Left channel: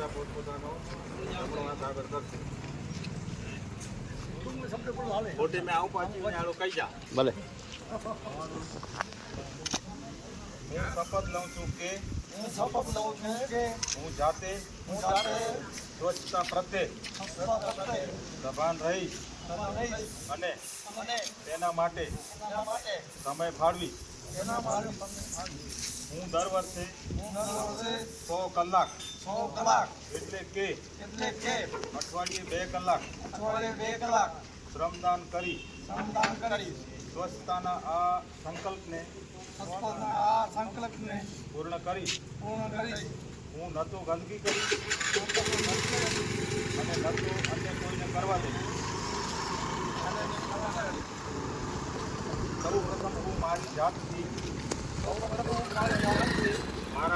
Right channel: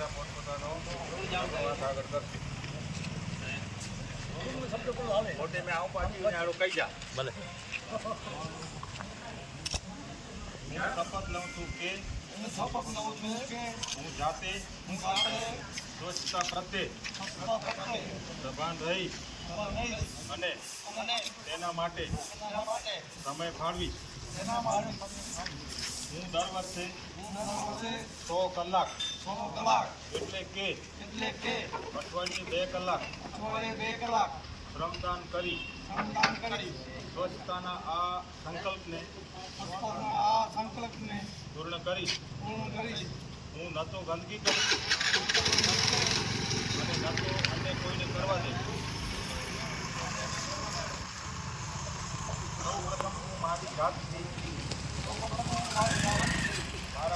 બધા પોતપોતાનો વાત આગળ કરશે મોટી મેં આવું પાછી આડો કહી જા ભલે હું શપથ લઉં છું કે હું શપથ લઉં છું કે હું જાતે હું જાતે સ્વચ્છતા પ્રત્યે સભાન રહીશ અને અને એના માટે સમય ફાળવીશ એના માટે હું દર વર્ષે હું દર વર્ષે સો કલાક સો કલાક. એટલે કે એટલે કે અઠવાડિયે બે કલાક અઠવાડિયે બે કલાક શ્રમદાન કરી. શ્રમદાન કરીશ સ્વચ્છતાના આ સંકલ્પને સ્વચ્છતાના આ સંકલ્પને પૂર્ણ કરી. પૂર્ણ કરીશ હું ન તો ગંદકી કરીશ અને ન તો અન્ય કોઈને કરવા દઈશ સૌ પ્રથમ હું મારી જાતથી સૌપ્રથમ હું મારી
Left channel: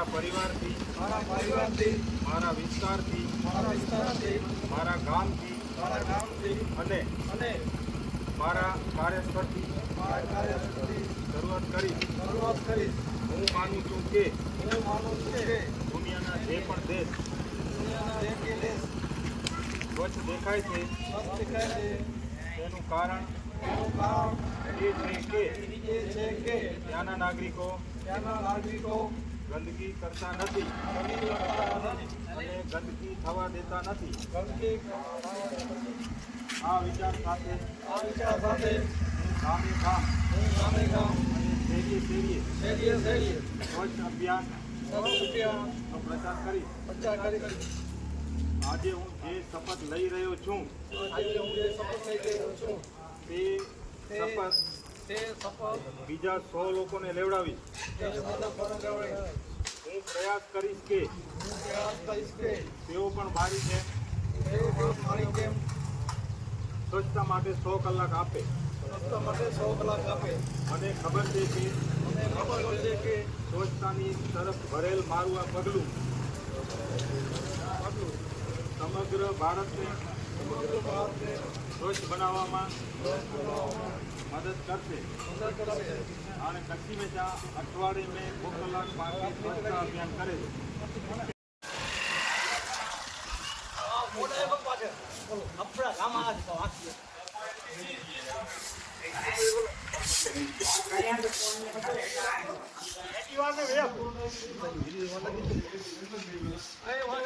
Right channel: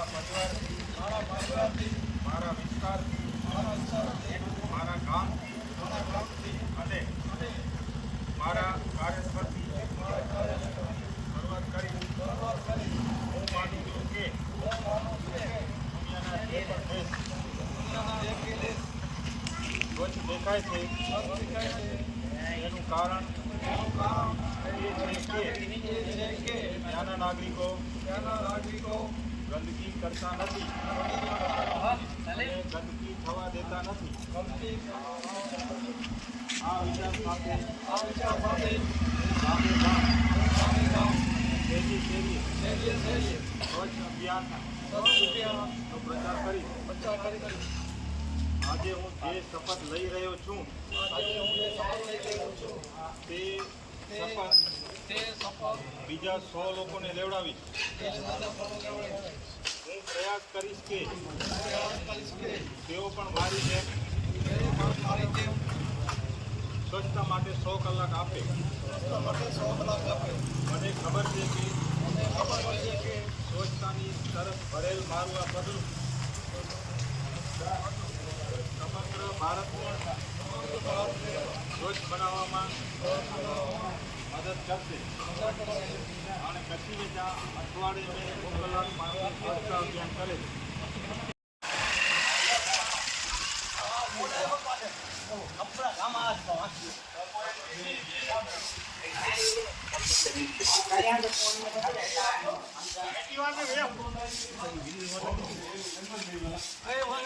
પરિવારથી મારા પરિવારથી મારા વિસ્તારથી મારા વિસ્તારથી મારા ગામથી મારા ગામથી અને અને મારા કાર્યસ્થળથી મારા કાર્યથી શરૂઆત કરી. શરૂઆત કરી. હું માનું છું કે હું માનું છું કે દુનિયાના જે પણ દેશ દુનિયાના દેશ સ્વચ્છ દેખાય છે સ્વચ્છ દેખાય છે એનું કારણ એનું કારણ એ છે કે એ છે કે ત્યાંના નાગરિકો ત્યાંના નાગરિકો ગંદકી કરતા નથી અને ગંદકી થવા દેતા નથી ગંદકી આ વિચાર સાથે આ વિચાર સાથે ગામે ગામ ગામે ગામ શેરીએ શેરીએ શેરીએ શેરીએ સ્વચ્છ અભિયાન સ્વચ્છ અભિયાન પ્રચાર કરી પ્રચાર કરી આજે હું જે શપથ લઈ રહ્યો છું આજે હું જે શપથ લઈ રહ્યો છું તે બીજા સો લોકોને સમજાવડે હું પ્રયાસ કરીશ કે તેઓ પણ મારી જેમ સ્વચ્છતા માટે સો કલાક આપે. સ્વચ્છતા માટે સો કલાક આપે મને ખબર છે કે મને ખબર છે કે સ્વચ્છતાની તરફ ભરેલ મારું આ પગલું પગલું. સમગ્ર ભારતને સ્વચ્છ બનાવવામાં મદદ કરશે. અને કચ્છી વેચા અઠવાડિયે મેં બહુ કલાક માટે સ્વચ્છતા અભિયાન કરે છે. આપણા